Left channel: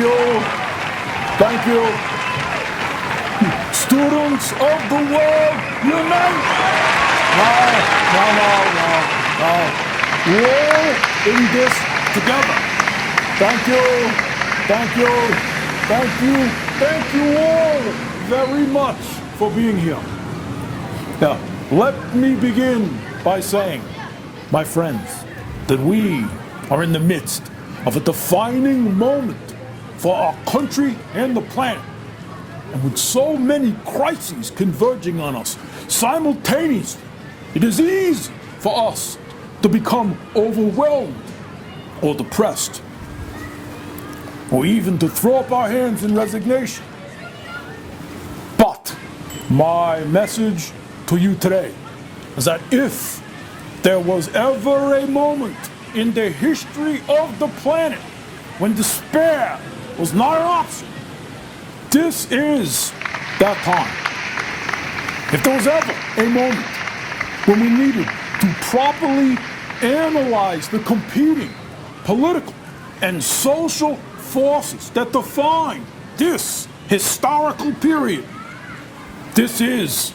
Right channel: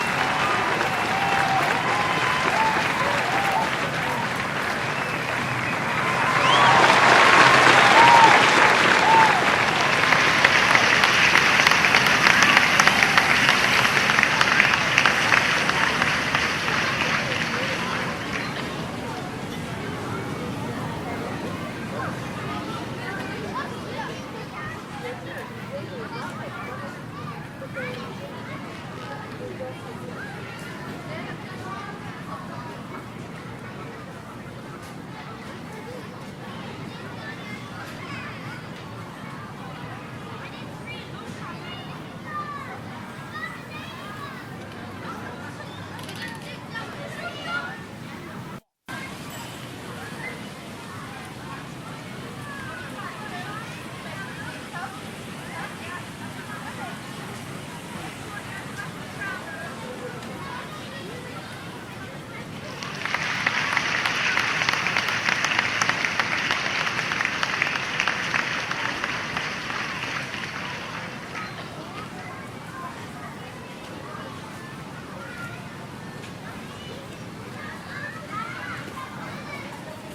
you. Thank you. Students of the world, unite. No. We're all in this together. Thank you. Thank you. Thank you. Thank you all very much for being here. Now, let me begin by saying, my friends, that we are in the midst of a defining moment for our country and the planet. And with so many crises converging on us simultaneously, it is easy for us to become overwhelmed or depressed, or even to throw up our hands in resignation. But my message to you today is that if there was ever a moment in the history of the planet when despair was not an option, this is that time. If there was ever a moment when we needed to properly analyze the competing political and social forces that define this historical period, this is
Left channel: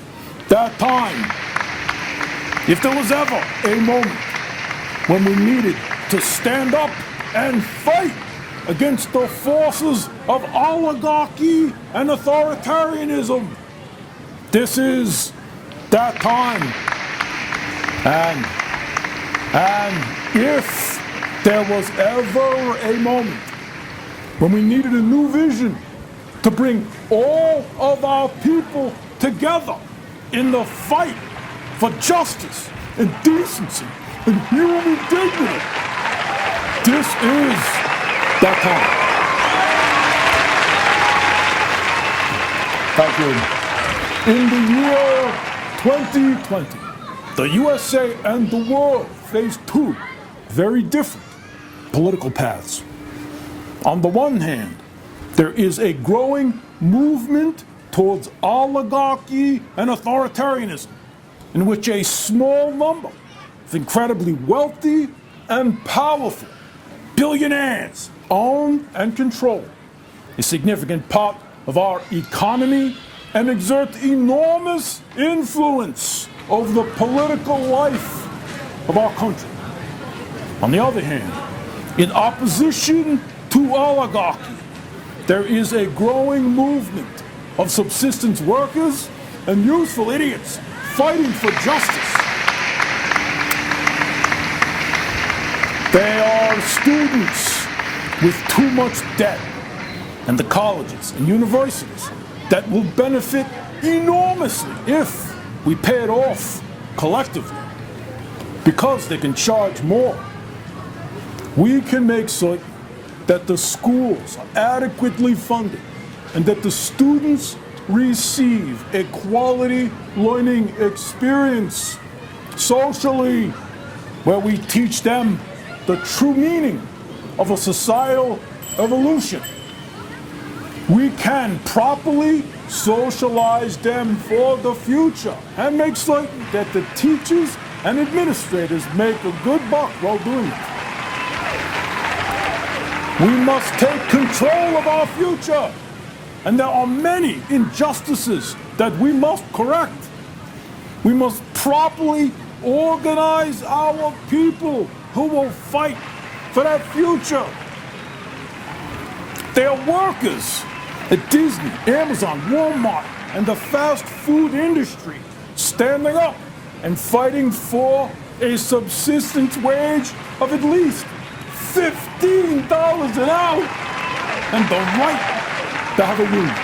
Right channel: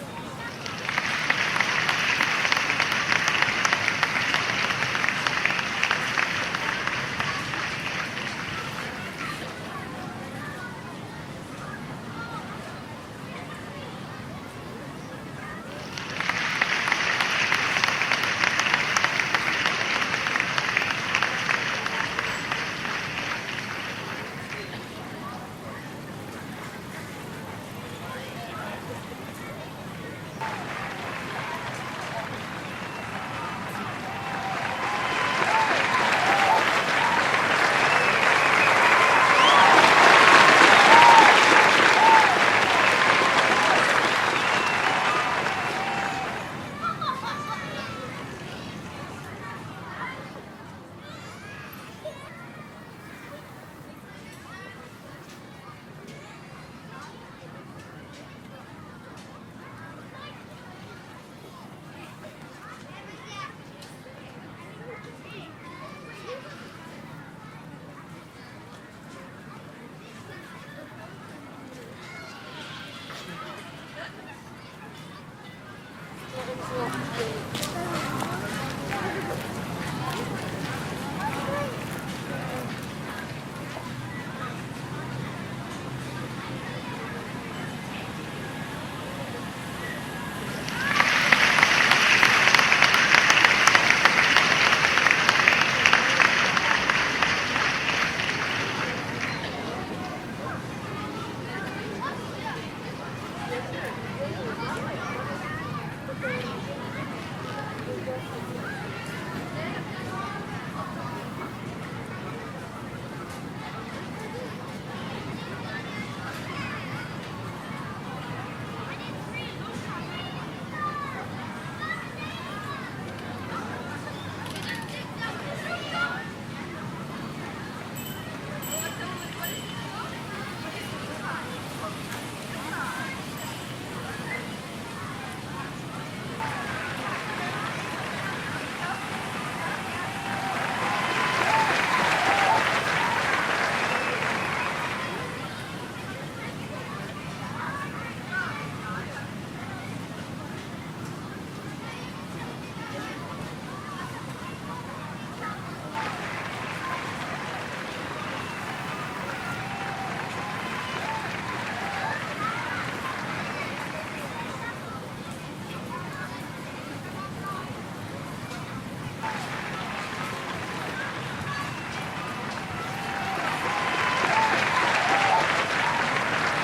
that time. If there was ever a moment when we needed to stand up and fight against the forces of oligarchy and authoritarianism, this is that time. And if there was ever a moment when we needed a new vision to bring all of our people together in the fight for justice and decency and human dignity, this is that time. Thank you. In the year 2020, the USA and the world faced two very different political paths. On the one hand, there is a growing movement towards oligarchy and authoritarianism, in which a small number of incredibly wealthy and powerful billionaires own and control a significant part of our economy and exert enormous influence over the political life of our country. On the other hand, in opposition to oligarchy, there is a growing movement of subsistence workers and useful idiots fighting for justice. They are students with too much debt, and the colleges and universities that will benefit enormously if we pay it off collectively, because they can charge more. We can make certain that the schools are adequately funded and that the students receive a quality learning experience socially, where we teach them the true meaning of a societal evolution. We can properly socialize them for the future and make certain that the teachers and administrators make a good buck while doing it. We must take control of our future, and there are many injustices that we must correct. We must properly organize our people who will fight for that future. They are workers at Disney, Amazon, Walmart, and the fast food industry, standing up and fighting for a subsistence wage of at least $15 an hour and the right to have a union.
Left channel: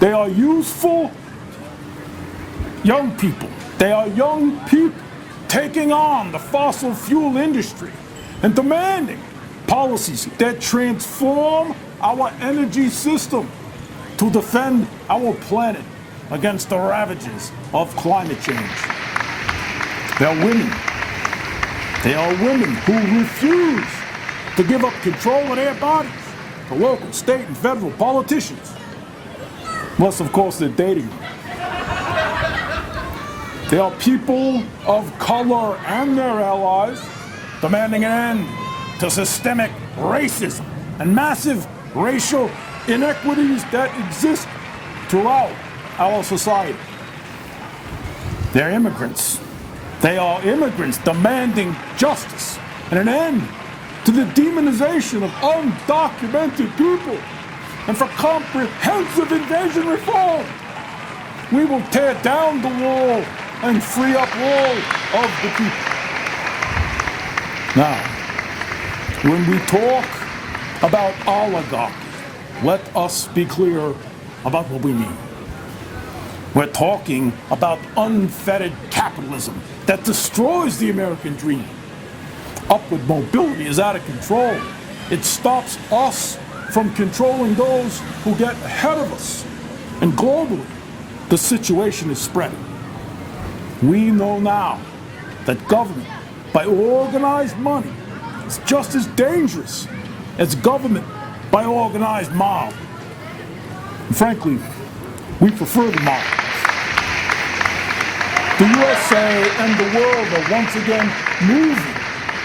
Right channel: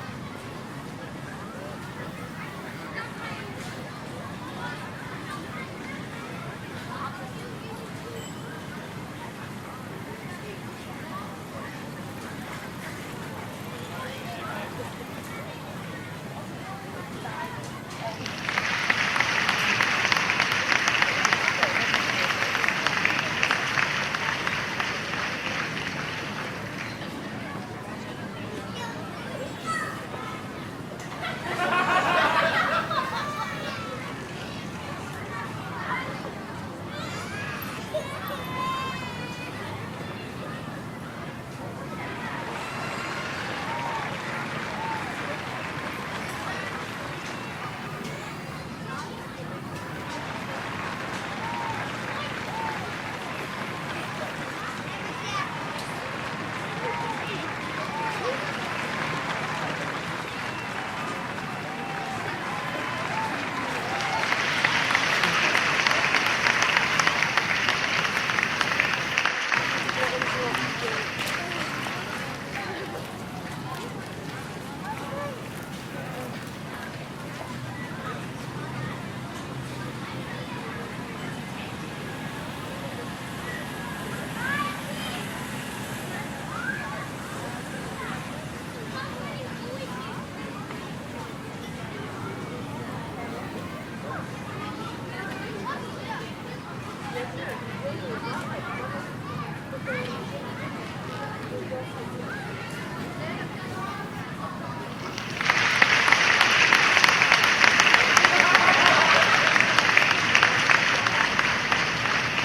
They are useful young people. They are young people taking on the fossil fuel industry and demanding policies that transform our energy system to defend our planet against the ravages of climate change. They are women. They are women who refuse to give up control of their bodies to local, state, and federal politicians. Unless, of course, they're dating. They are people of color and their allies demanding an end to systemic racism and massive racial inequities that exist throughout our society. They're immigrants. They are immigrants demanding justice and an end to the demonization of undocumented people and for comprehensive invasion reform. We will tear down the wall and free up all of the people. Now, when we talk about oligarchy, let us be clear about what we mean. We're talking about unfettered capitalism that destroys the American dream. Upward mobility is out of control. It stops us from controlling those who get ahead of us. And globally, the situation is spreading. We know now that government by organized money is just as dangerous as government by organized mob. And frankly, we prefer the mob. The USA and the world are once again moving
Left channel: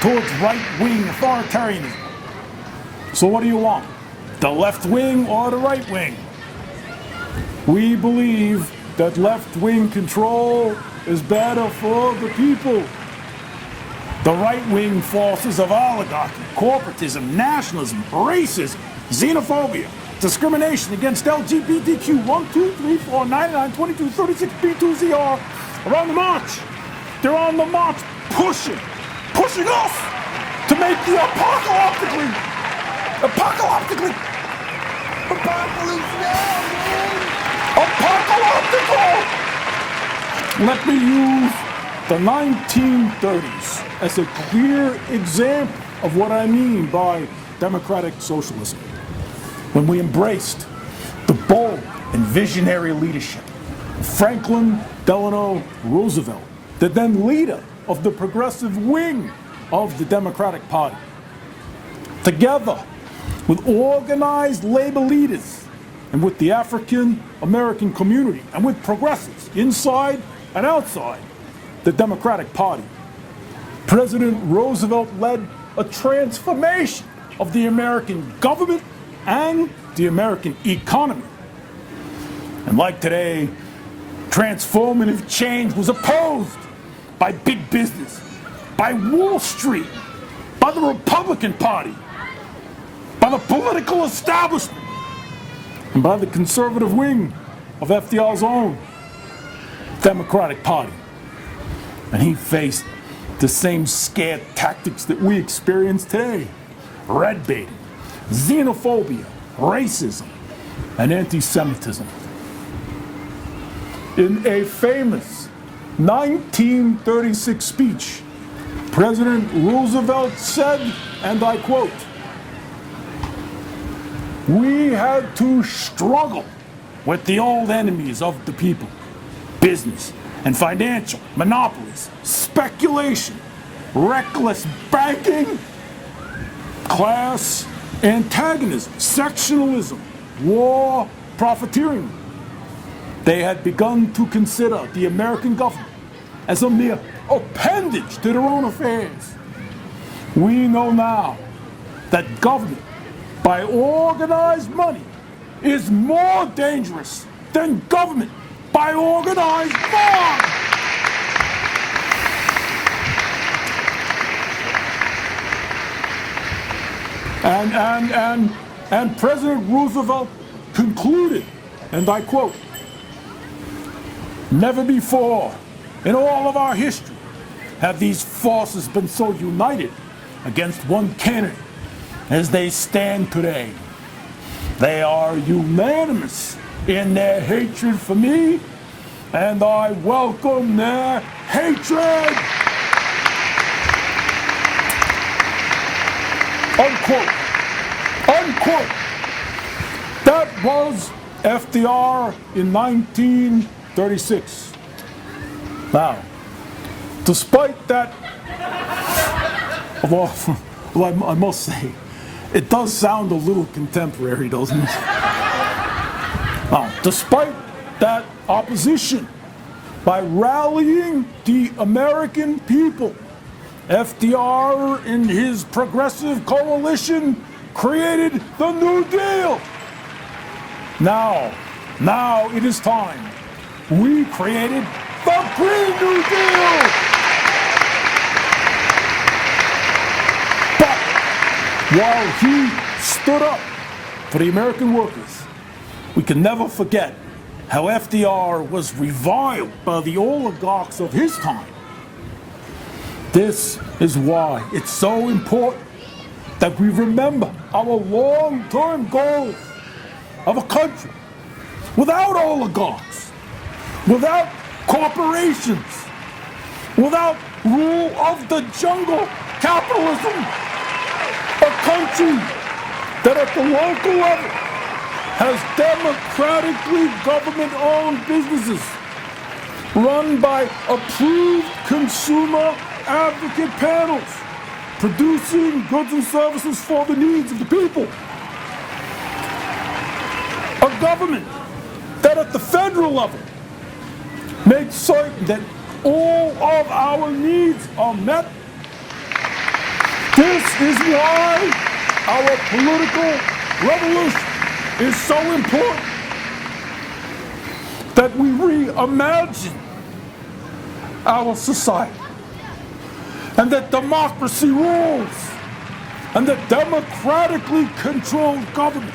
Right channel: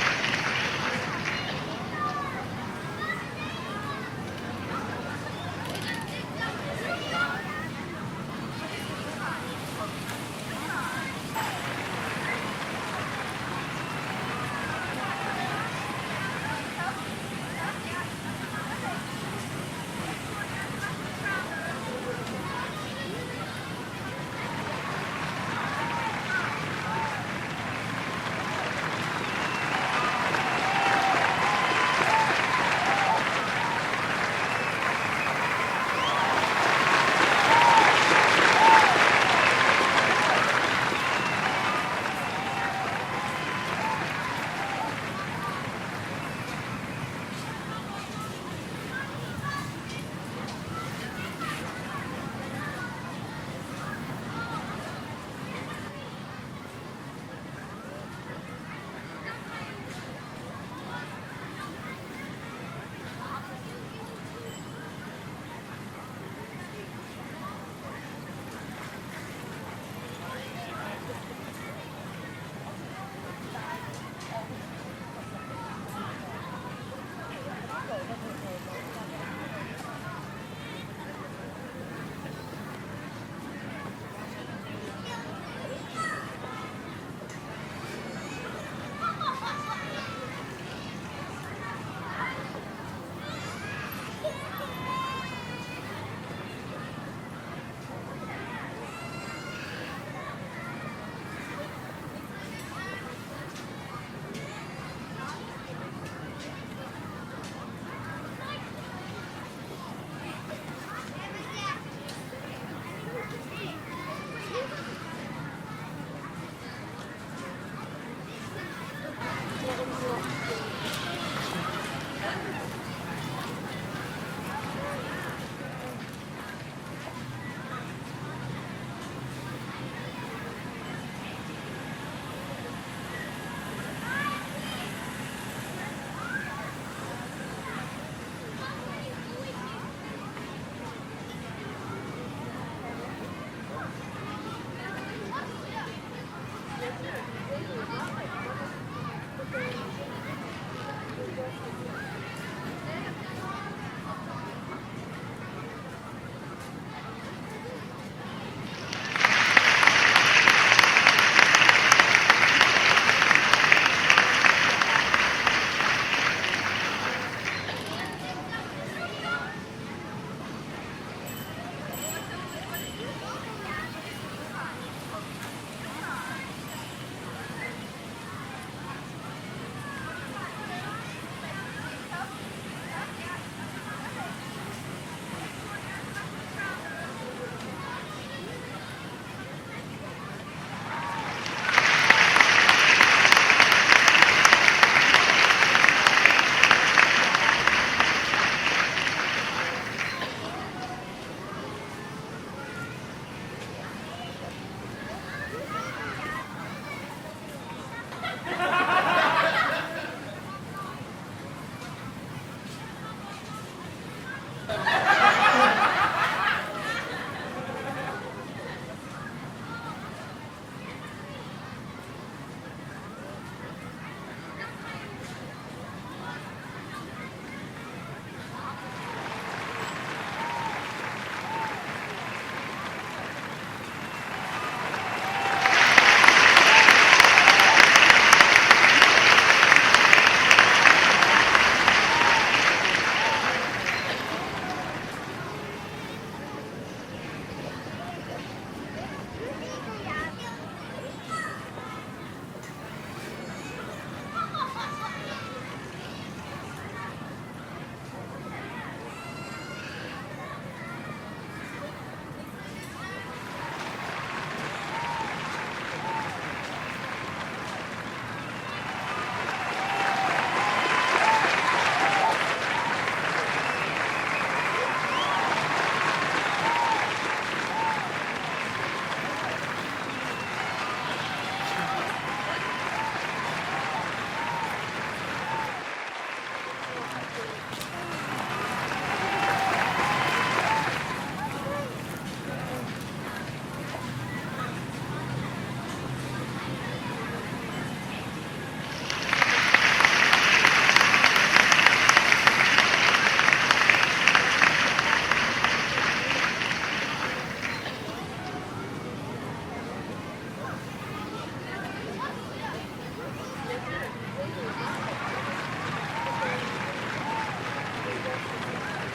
towards right-wing authoritarianism. So what do you want? The left wing or the right wing? We believe that left-wing control is better for the people. The right-wing forces of oligarchy, corporatism, nationalism, racism, xenophobia, discrimination against LGBTQ 1, 2, 3, 4, 99, 22, 36, B2ZR are on the march. They're on the march pushing us to make the apocalyptic. Let me use the 1930s as a clear example of what I mean by democratic socialism. When we embraced the bold and visionary leadership of Franklin Delano Roosevelt, the then leader of the progressive wing of the Democratic Party. Together with organized labor leaders and with the African American community and with progressives inside and outside the Democratic Party, President Roosevelt led a transformation of the American government and the American economy. And like today, transformative change was opposed by big business, by Wall Street, by the Republican Party, by the political establishment, and by the conservative wing of FDR's own Democratic Party. And he faced the same scare tactics that we experience today: red baiting, xenophobia, racism, and anti-Semitism. In a famous 1936 speech, President Roosevelt said, and I quote, "We had to struggle with the old enemies of the people: business and financial monopolies, speculation, reckless banking, class antagonism, sectionalism, war, profiteering." They had begun to consider the American government as a mere appendage to their own affairs. We know now that government by organized money is more dangerous than government by organized mob. And President Roosevelt concluded, and I quote, "Never before in all of our history have these forces been so united against one candidate as they stand today. They are unanimous in their hatred for me, and I welcome their hatred." Unquote. Unquote. That was FDR in 1936. Now, despite that, well, I must say, it does sound a little contemporary, doesn't it? Now, despite that opposition, by rallying the American people, FDR and his progressive coalition created the New Deal. Now it is time. We created the Green New Deal. But while he stood up for the American workers, we can never forget how FDR was reviled by the oligarchs of his time. This is why it's so important that we remember our long-term goals of a country without oligarchs, without corporations, without rule of the jungle capitalism, a country that at the local level has democratically government-owned businesses run by approved consumer advocate panels, producing goods and services for the needs of the people. A government that at the federal level makes certain that all of our needs are met. This is why our political revolution is so important, that we reimagine our society, and that democracy rules, and that democratically controlled government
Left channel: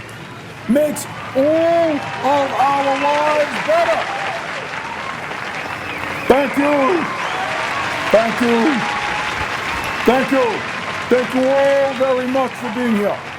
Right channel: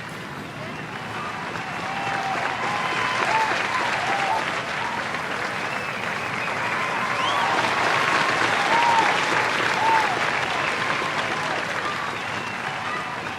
makes all of our lives better. Thank you. Thank you. Thank you. Thank you all very much for being here.